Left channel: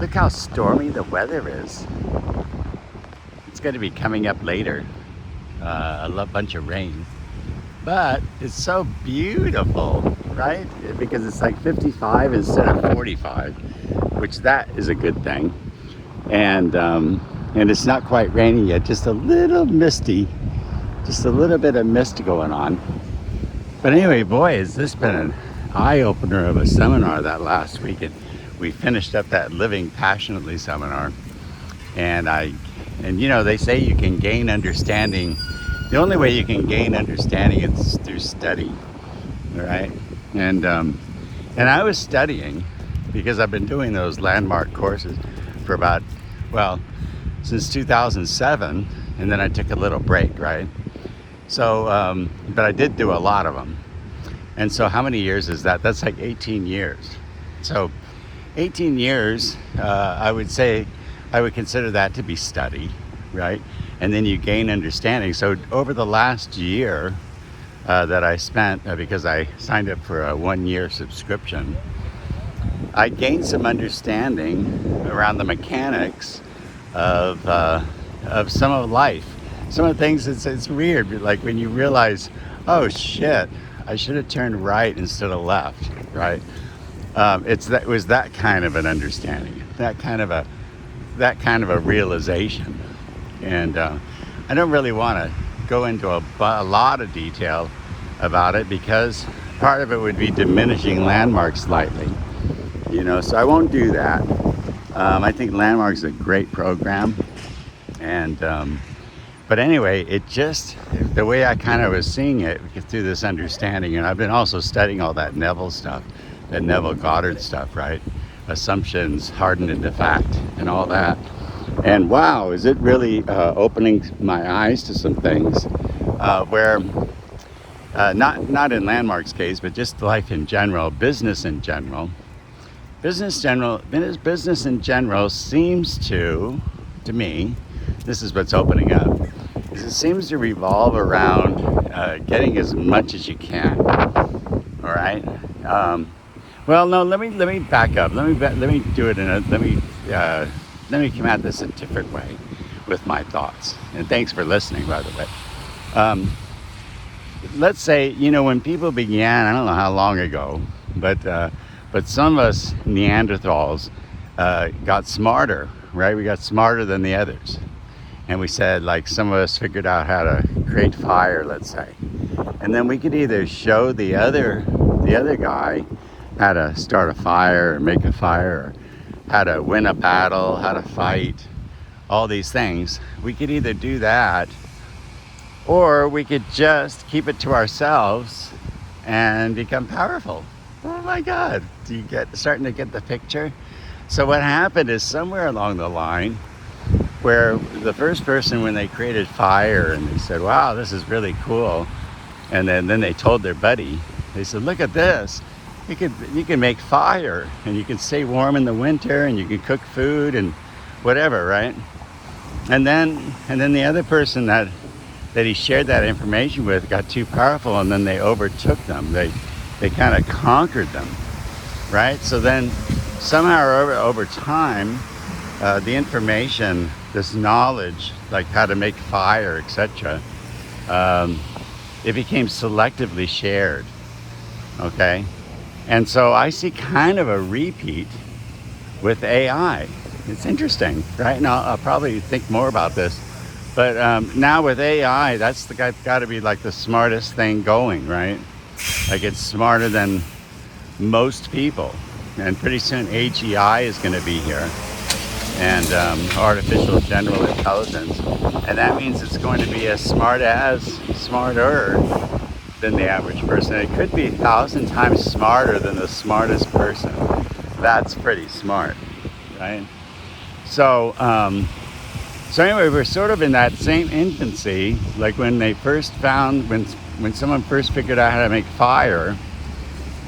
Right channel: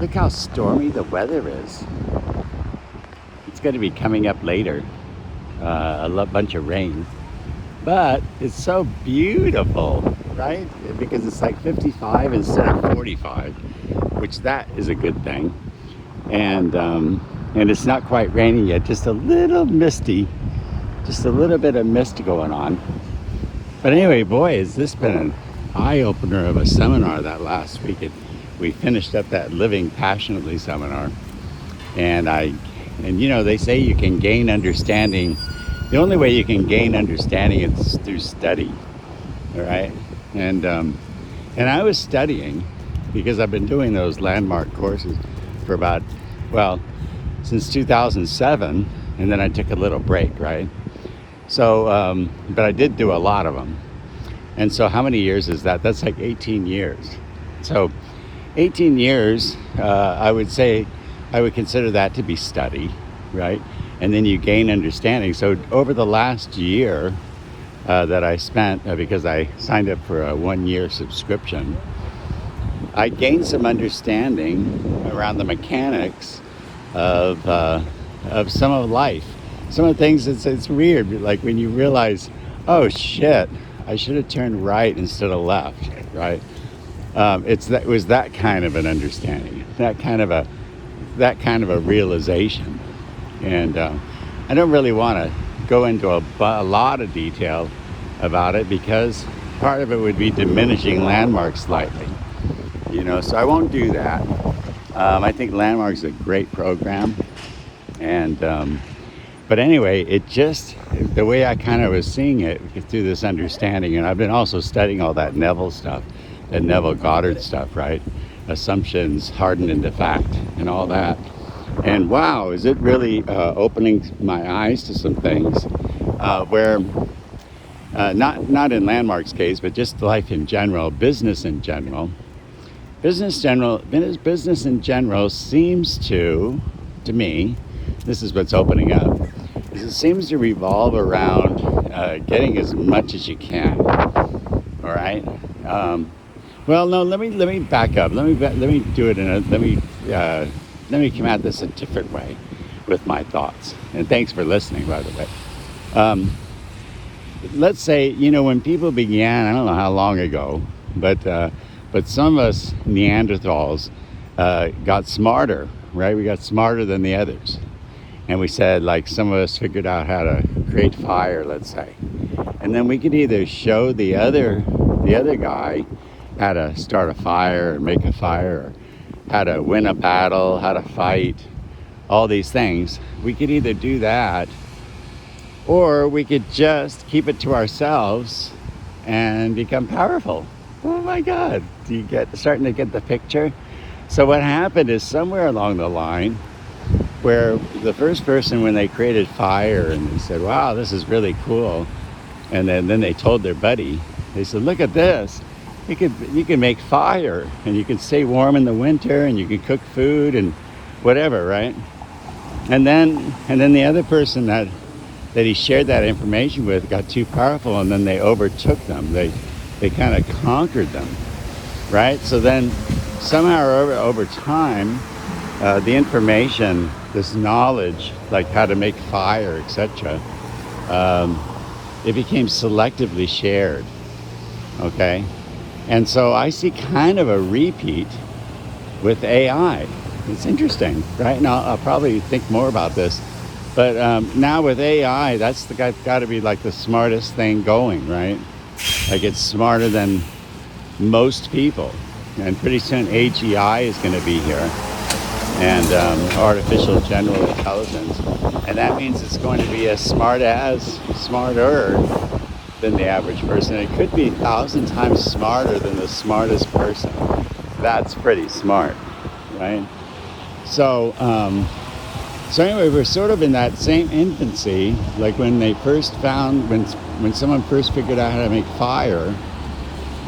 Look how stormy the weather is. It's going to be coming up later. Bunch of rain. But it's so beautiful, right? Because it's like 55 instead of 45, which that is a good thing. And it's not quite raining yet, just a little misty, just a little bit of mist going on. But anyway, boy, has this been an eye-opener of a seminar that last week. We finished up that Living Passionately seminar, and you know, they say you can gain understanding. The only way you can gain understanding is through study, right? And I was studying because I've been doing those landmark courses for about, well, since 2007, and then I took a little break, right? So, but I did do a lot of them. And so how many years is that? That's like 18 years. So 18 years, I would say, I would consider that to be study, right? And then you gain understanding. So over the last year that I spent, because I signed up for a 1-year subscription, I gained some understanding around the mechanics of some of life. Some of the things, it's weird, like when you realize, oh shit, I should have turned right instead of left, right? It was that kind of an understanding, that kind of a realization. And I don't really want to go into a lot of detail about it because part of it would be diminishing Landmark slightly, you know, so I won't do that. I think Landmark's a great program, and but anyway, it just, the way I kind of was seeing it through this understanding, and I've been also studying all that Neville stuff, that Neville Goddard stuff, right? Assumptions hardened into fact and all that. And wow, is it really opening my eyes to some things where, not in Landmark's case, but just life in general, business in general. Business in general seems to me, this is what's opening up, is it seems to revolve around getting as much as you can. All right. Well, no. Let me back up. Let me do it let me come at this a different way with my thoughts. And thanks for listening, by the way. Let's say, you know, when people began, I don't know how long ago, but some of us Neanderthals got smarter, right? We got smarter than the others. And we said, like, some of us figured out how to create fire, let's say. And then we could either show the other guy how to start a fire or make a fire, or how to win a battle, how to fight, all these things. We could either do that, or we could just keep it to ourselves and become powerful. Oh my God, starting to get the picture? So what happened is somewhere along the line, where the first person, when they created fire and they said, wow, this is really cool, and then they told their buddy, they said, look at this, you can make fire, and you can stay warm in the winter, and you can cook food and whatever, right? And then the other person that he shared that information with got too powerful, and then they overtook them. They kind of conquered them, right? So then somehow over time, the information, this knowledge, like how to make fire, etc., it became selectively shared, okay? And so I see kind of a repeat with AI. It's interesting, right? And I'll probably think more about this. But now with AI, that's got to be like the smartest thing going, right? Like it's smarter than most people. And pretty soon AGI is going to be here, and artificial general intelligence. And that means it's going to be as smarter than the average person. It could be 1,000 times smarter than the smartest person. That's pretty smart, right? So, so anyway, we're sort of in that same infancy, like when they first when someone first figured out how to make fire,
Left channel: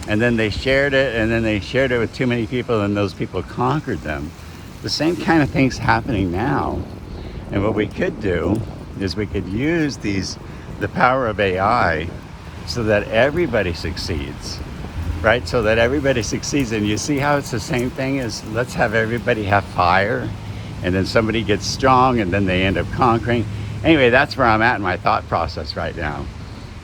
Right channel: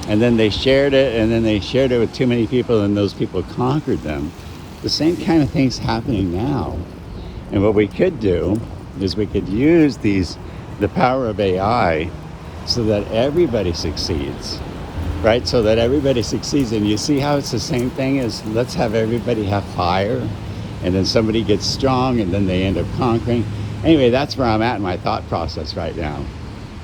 and then they shared it, and then they shared it with too many people, and those people conquered them. The same kind of thing's happening now. And what we could do is we could use the power of AI so that everybody succeeds, right? So that everybody succeeds. And you see how it's the same thing as let's have everybody have fire, and then somebody gets strong, and then they end up conquering. Anyway, that's where I'm at in my thought process right now,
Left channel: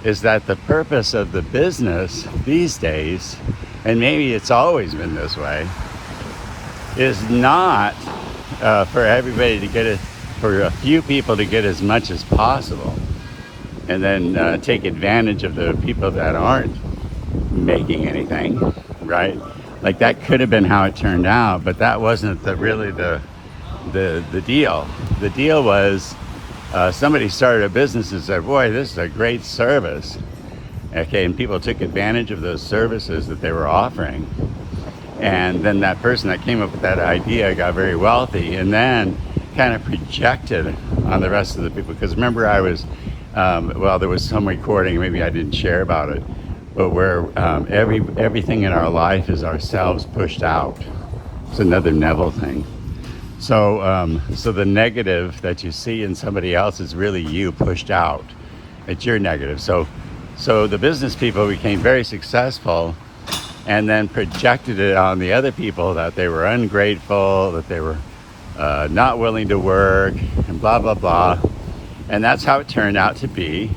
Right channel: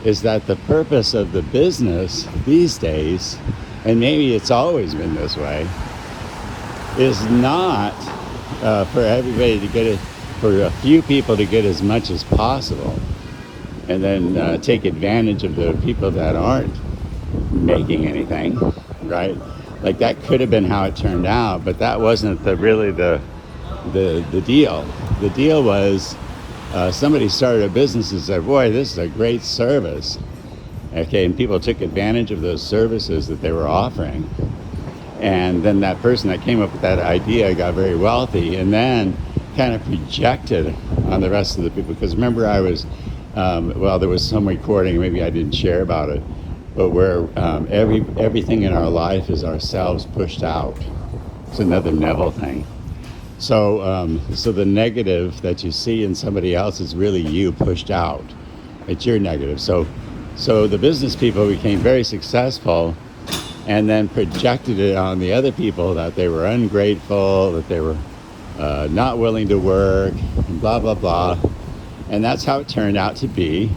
is that the purpose of the business these days, and maybe it's always been this way, is not for everybody to get it, for a few people to get as much as possible, and then take advantage of the people that aren't making anything, right? Like that could have been how it turned out, but that wasn't really the deal. The deal was somebody started a business and said, boy, this is a great service. Okay, and people took advantage of those services that they were offering. And then that person that came up with that idea got very wealthy, and then kind of projected on the rest of the people. Because remember, I was, there was some recording, maybe I didn't share about it, but where everything in our life is ourselves pushed out. It's another Neville thing. So, so the negative that you see in somebody else is really you pushed out. It's your negative. So the business people became very successful, and then projected it on the other people that they were ungrateful, that they were not willing to work, and blah, blah, blah. And that's how it turned out to be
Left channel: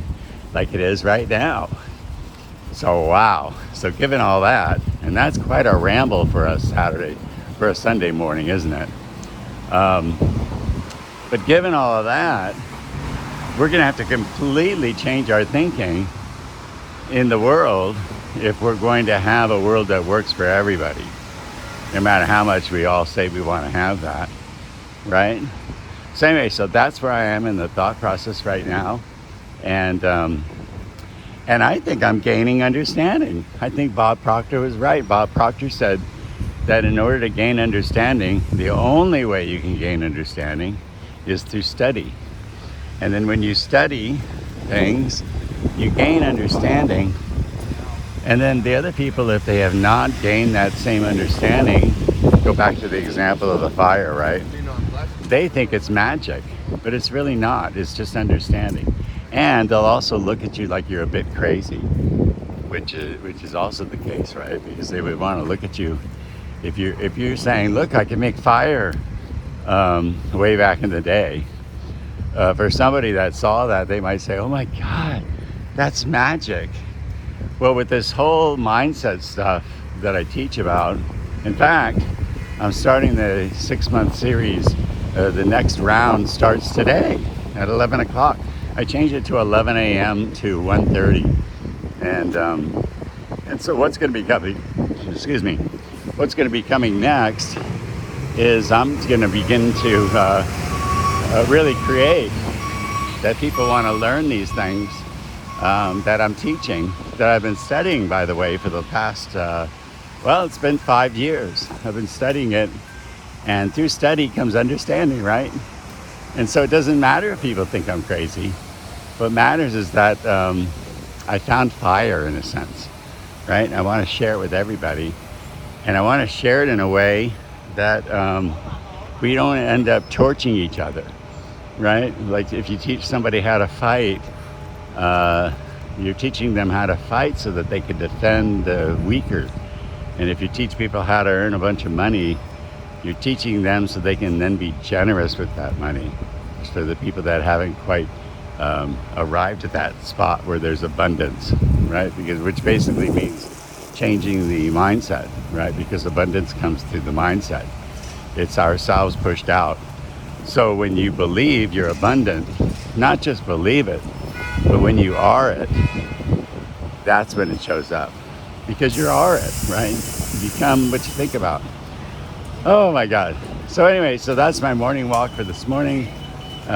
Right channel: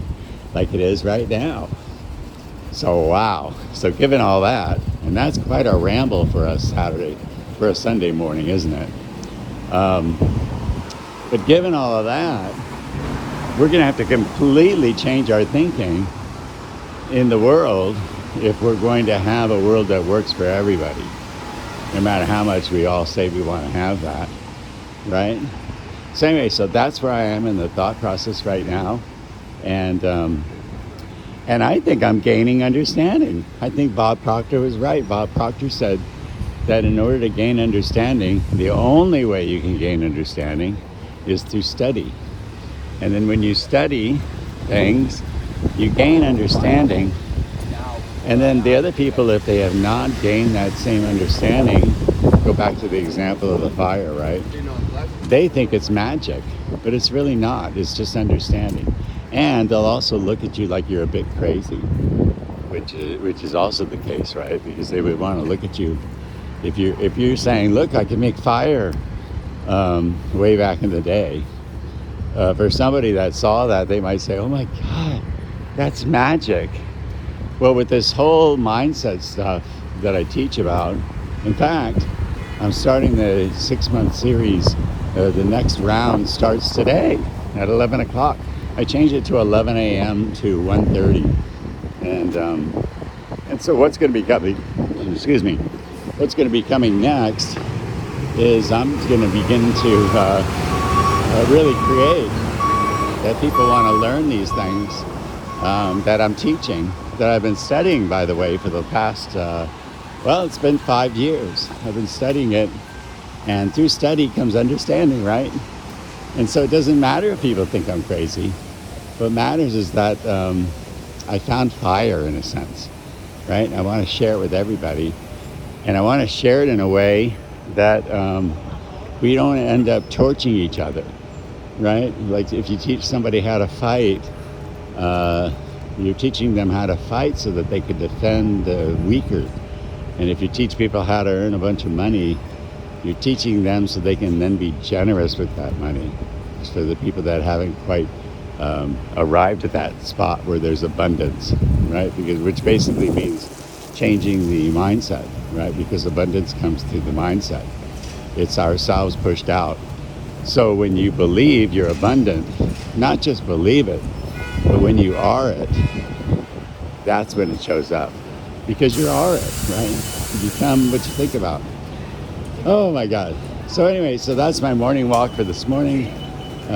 like it is right now. So, wow. So given all that, and that's quite a ramble for a Sunday morning, isn't it? But given all of that, we're going to have to completely change our thinking in the world if we're going to have a world that works for everybody, no matter how much we all say we want to have that, right? So anyway, so that's where I am in the thought process right now, and I think I'm gaining understanding. I think Bob Proctor was right. Bob Proctor said that in order to gain understanding, the only way you can gain understanding is through study. And then when you study things, you gain understanding. And then the other people, if they have not gained that same understanding, go back to the example of the fire, right? They think it's magic, but it's really not. It's just understanding. And they'll also look at you like you're a bit crazy, which is also the case, right? Because they would want to look at you if you're saying, look, I can make fire way back in the day. For somebody that saw that, they might say, oh my God, that's magic. Well, with this whole mindset stuff that I teach about, in fact, I'm starting the 6-month series. The next round starts today at 11 o'clock. I changed it to 11 a.m. to 1:30. And so what's going to be coming, what's going to be coming next is I'm going to begin to really create that people want to learn these things that I'm teaching, that I've been studying, by the way, for the past, it's been 5 years. I've been studying it, and through study comes understanding, right? And so it doesn't matter if people think I'm crazy. What matters is that I found fire, in a sense, right? I want to share it with everybody, and I want to share it in a way that we don't end up torching each other, right? Like if you teach somebody how to fight, you're teaching them how to fight so that they can defend the weaker. And if you teach people how to earn a bunch of money, you're teaching them so they can then be generous with that money. For the people that haven't quite arrived at that spot where there's abundance, right? Which basically means changing the mindset, right? Because abundance comes through the mindset. It's ourselves pushed out. So when you believe you're abundant, not just believe it, but when you are it, that's when it shows up. Because you are it, right? You become what you think about. Oh my God. So anyway, so that's my morning walk for this morning.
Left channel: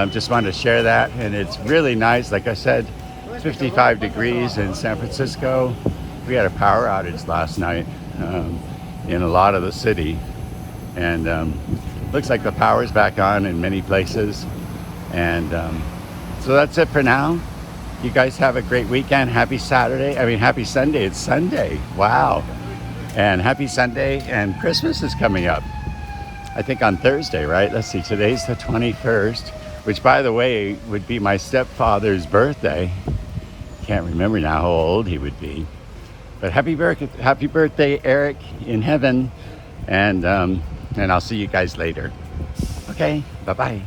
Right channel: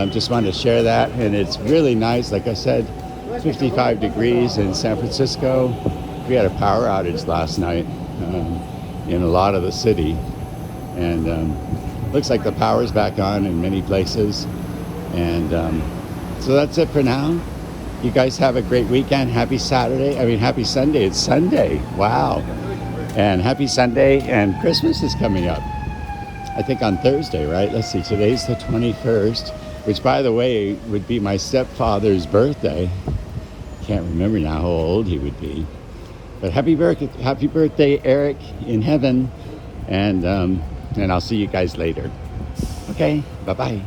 Just wanted to share that, and it's really nice. Like I said, 55 degrees in San Francisco. We had a power outage last night in a lot of the city, and looks like the power's back on in many places. And so that's it for now. You guys have a great weekend. Happy Sunday. It's Sunday. Wow. And happy Sunday. And Christmas is coming up, I think on Thursday, right? Let's see, today's the 21st, which, by the way, would be my stepfather's birthday. Can't remember now how old he would be. But happy birthday, Eric, in heaven, and I'll see you guys later. Okay, bye bye.